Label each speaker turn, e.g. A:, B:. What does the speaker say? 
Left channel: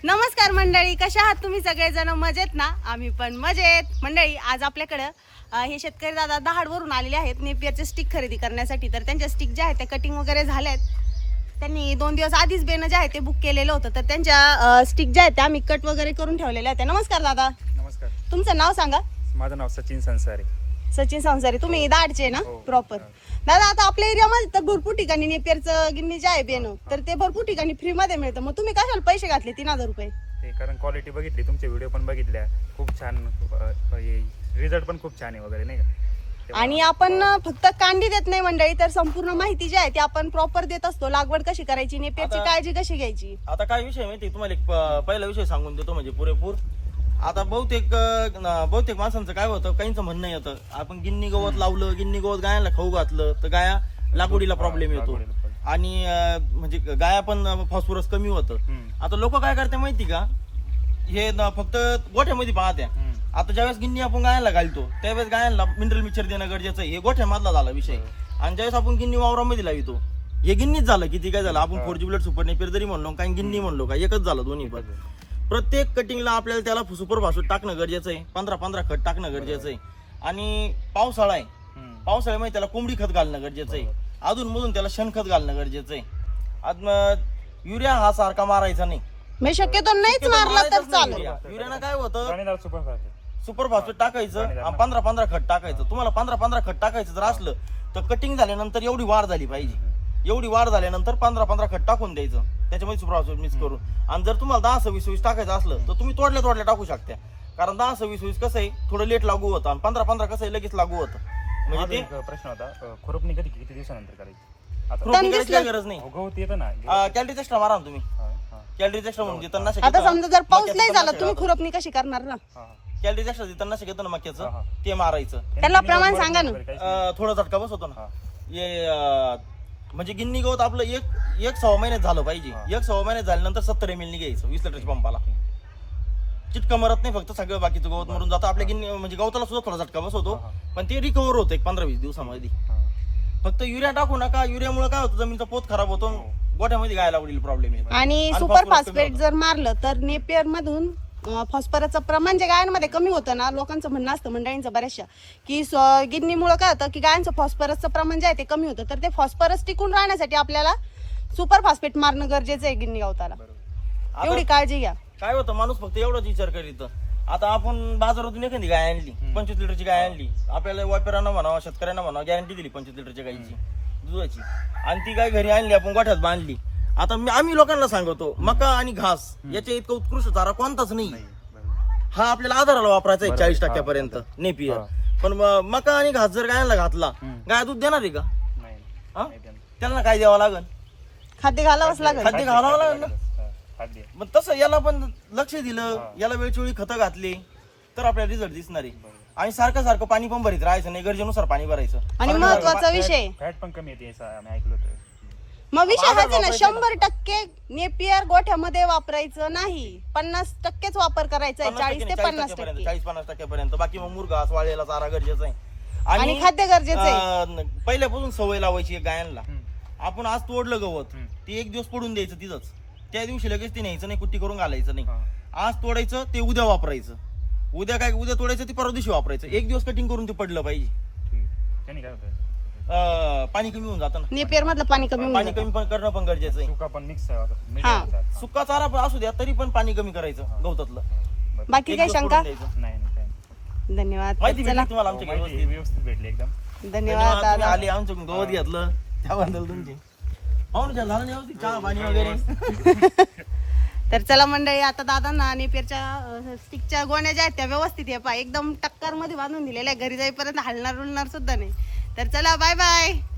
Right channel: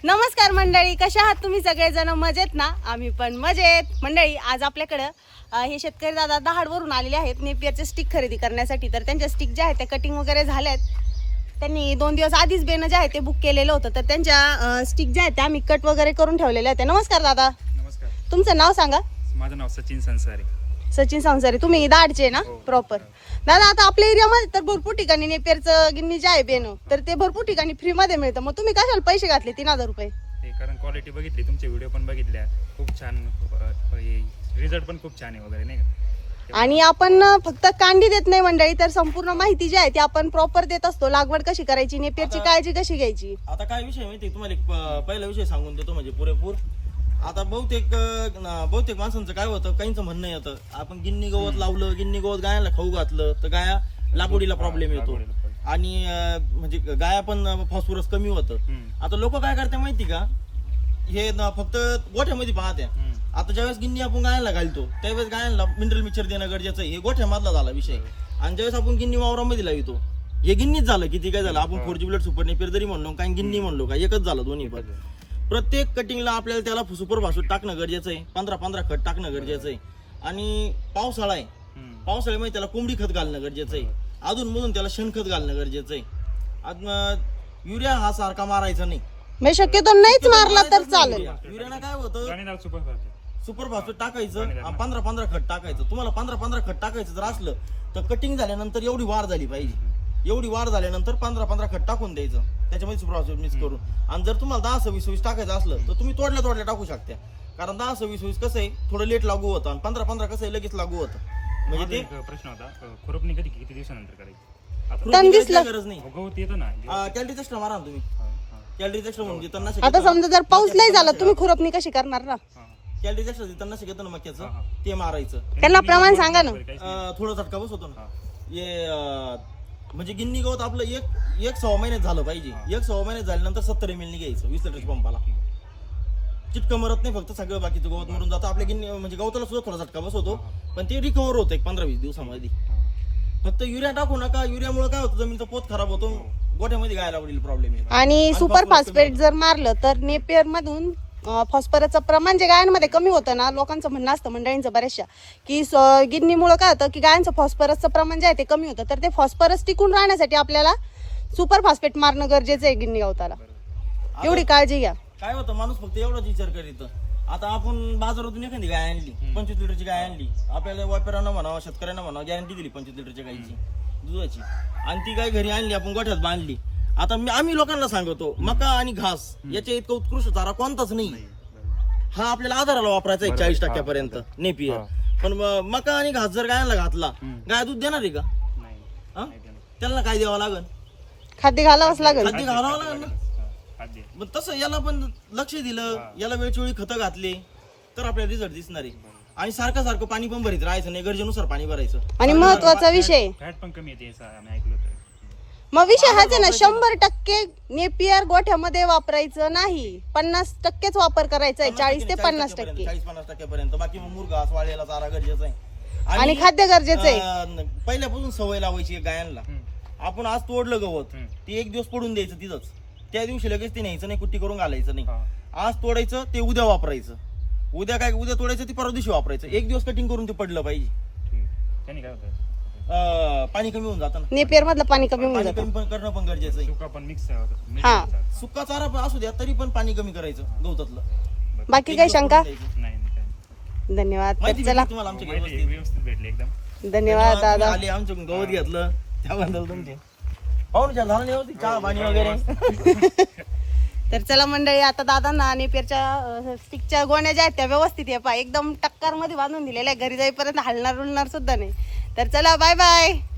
A: नमस्कार मंडळी, कशा आहात तुम्ही सगळेजण? मजेत ना? आम्ही पण मजेत. मंडळी, आज आपल्याकडं हे शेतकरी दादा दहाडवरून आलेले आहेत नेपियरचे स्टिक खरेदी करण्यासाठी. तर त्यांच्या स्टिक ज्या आहेत त्या कटिंग वगैरे झाल्यात. त्यांनी 2 दिवस आधीच बेन जे आहे ते बुक केलेलं होतं. तर त्यांच्या स्टिक ज्या आहेत त्या आम्ही कट वगैरे करून ठेवलेले आहेत. नमस्कार दादा.
B: नमस्कार.
A: तुमचं नाव सांगा.
B: माझं नाव सचिन संसारे.
A: सचिन संसारी. तुम्ही दाडचे ना प्रॉपर? दादा, आता आपल्या एरियामध्ये तर भरपूर ठिकाणी नेपियरचं गिन्नी जे आहे बेन, तर ते भरपूर ठिकाणी फ्री मध्ये मिळतं. मग तुम्ही कशाला पैसे घातले 3000 रुपये?
B: ते कारण क्वालिटी बघितली, तुमचे व्हिडिओ पण बघितल्या, खूप छान, रिझल्ट पण खूप छान आहे वगैरे, नाही का?
A: आणि आपण फक्त कांडी देत नाही मंडळी, तर संपूर्ण माहिती जी आहे ती आपण प्रॉपर देत असतो. लागवड कशी करायची, नेपियरची काळजी कशी घ्यायची.
C: आता काय विषय माहिती तुम्हाला, एक पहिला विषय सांगून देतो म्हणजे पुरेपूर. आता बहुतेक माणसांचं काय होतं, काहींचं म्हणणं येतं आपण गिन्नी गवत लावलं, गिन्नी गवत गायाला खाऊ घातलं तर गाया लागवडीला प्रॉब्लेम येतो आणि म्हणजे गाया पण फॉस्फरस कमी होतं. आता लोक काय करते माहिती का, हे फक्त गोठ्यामध्ये पाहत्या. आता ज्यावेळेस गिन्नी आपण गायला घालतो त्यावेळेस गायांना मिनरल मिक्सर देणं गरजेचं आहे. हे गोठ्यामधला झाला विषय. आणि ज्यावेळेस आपण गिन्नी वावरामध्ये लावितो, हे गिन्नीच झालं. किती काय झालं, आपण 4G बुलेट सुपर नेपियर जरी म्हणलो काही गिन्नी म्हणलो का, एकच झालं दोन्ही पण. प्रत्येक कटिंगला आपल्याला त्याला सुपर भासूट टाकणं गरजेचं आहे. 15-15 खत टाकणं गरजेचं आहे. आणि पावसाळा आहे, पावसाळ्यामध्ये त्याला कोंबडी खत घालणं गरजेचं आहे. अधून मधून त्याला शेणखत घालणं गरजेचं आहे. युरिया हा सारखा मारायचा नाही,
A: मी शक्यतो नाहीच मारला तर चालेल.
C: युरियानं काय होतं,
B: सुपर
C: सुपर भासूट टाकायचं, 15-15 खत टाकायचं. तुम्हाला 15-15 खत टाकायचं जर असलं तर कटिंग झाल्यानंतर एवढी वाढ झाली पाहिजे. एवढी वाढ झाल्यानंतर 15-15 खत टाकून द्यायचं त्याच्यामध्ये सुपर भासूट मिक्स करून. आणि जर तुम्हाला 10-20 टाकायचं असलं तर तुम्ही तोडल्या टाकू शकता. कारण 10-20 कसं आहे, थोडं लेट लागू होतं आणि 15-15 कसं आहे, लगेच लागू होतं. म्हणजे ते
B: प्रश्न होता, खुरपणी किती दिवसानंतर करायची?
C: काही गरज नाही.
B: गवत येतं ना,
C: कॅलरीज एक्स्ट्रा मारा ना तुम्ही. कॅलरीज एक्स्ट्रा म्हणजे तणनाशक
A: आता समजा जर पाऊस नाही झाला, तुम्ही खुरपणी कशी करणार ना?
C: कॅलरीज एक्स्ट्रा तणनाशक येतं ना मक्याचं, ते मारायचं.
A: त्यांना प्रमाण सांगा ना.
C: थोडा झटका बसवतो ना. हे म्हणजे गिन्नी गवत आपलं एक 6 महिन्यात झालं पाहिजे. 1-6 महिन्यात झाल्यानंतर 70 ml घ्यायचं 20 लिटरच्या पंपाला. चिटकं मरत नाही, फक्त सगळं बाकीचं गवत मरून जातं. आपल्या गिन्नी म्हणजे गवताला सुद्धा थोडा झटका बसवतो, पण ते रिकव्हर होतं एक 15-20 दिवसामध्ये. फक्त युरिया टाकू नका. युरियामुळे काय होतं, जमिनीचा पोत खराब होतो, गोठ्यामध्ये गायला आवडील प्रॉब्लेम येतो.
A: आणि सुपर फॉस्फेट जर मारलं तर नेपियर मधून फॉस्फरसचं प्रमाण जे गायांमध्ये कमी होतं ना, लोकांचं म्हणणं असतं मंडळींचं बऱ्याचशा की गिन्नीमुळे काय होतं की गायांचं फॉस्फरसचं प्रमाण जे आहे ते कमी होतं. तर ते फॉस्फरस टिकून राहण्यासाठी आपल्याला सुपर फॉस्फेट मारणं गरजेचं आहे गिन्नी गवताला. एवढी काळजी घ्या.
C: काय होतं, माणूस फक्त एवढाच विचार करीत. आता आपण बाजारातून एखादी गाय आणली, 25 लिटरची गाय आणली, आपल्याला व्यापाऱ्यांना म्हणावं, शेतकऱ्यांना म्हणावं, गॅरंटी दिली 25 लिटरच्या गायची दुधाची, आणि ती गाय घरी आणली, आपण गोठ्यात बांधली. आता आम्ही लोकांना सांगतो, मका आणि घास याच्या इतका उत्कृष्ट चारा कोणताच नाही. हा आपल्याला आधाराला वापरायचा आहे 40% नेपियर. पण मका आणि घास जर गायला घातला, गाय दूध देणार आहे का? त्यांना काय द्यावं लागेल?
A: खाद्य घालावंच लागेल.
C: खाद्य घालावं लागेल ना. मग तसं याला पण लक्ष दिलं, याला वेळचवेळी खतं घातले तर आपल्याला रिझल्ट दिसणार आहे. आणि सारखं पाणी पण भरीत राहायचं नाही, गरजेनुसार पाणी भरायचं.
A: आणि महत्वाचा विषय,
B: फॅट पण कमी येते आम्ही ऐकलं होतं.
A: मग विषय हाच आहे ना, 100% नेपियर गोठ्यामध्ये वापरायचं नाही, 50%च वापर करायचा आहे. 40 ते 50%,
C: 40-50% पर्यंत. बाकी मग मुरघास वाळलेला चारा गरजेचा आहे.
A: आणि खाद्य गरजेचं आहे.
C: पहिल्यापासून सवय लावायची गायांना. आपण आज तोडलं गवत, ते 1 दिवस पडून द्यायचं तिथंच, त्या दिवशी लगेच ते न्यायचं नाही, कुट्टी करून घालायचं नाही. आज तोडायचं, ते उद्या वापरायचं. उद्या तोडायचं, ते परवा दिवशी वापरायचं. 1 दिवस कटिंग करून ते पडलं पाहिजे.
B: त्याने काय होतं,
C: पाणी कमी होऊन जातं ना.
A: नेपियर मधलं पाणी कमी
C: पाणी कमी पण करणं पण गरजेचं आहे.
B: सुका पण मिक्स
C: सुका चारा पण असू द्या, तरी पण पाणी कमी करायचं गवतातलं.
A: बाकी काही शंका?
B: नाही.
A: धन्यवाद.
C: माहिती
A: चला,
C: भेटली तुम्हाला आमच्या
B: व्यवस्थित भेटले एकदम.
A: धन्यवाद दादा.
C: आले आमच्याकडून गवत घेतलं त्याबद्दल तुमचे पाहून झालं नाही होती चहा पाणी वगैरे.
A: तर चला मंडळी, आता दादांना नेपियरच्या स्टिकच्या गोण्या ज्या आहेत त्या व्यवस्थित आहे, एकदम टक्कर मध्ये बांधून दिलेल्या, घरी जाईपर्यंत हलणार उलणार सुद्धा नाही. तर चला, बाय बाय.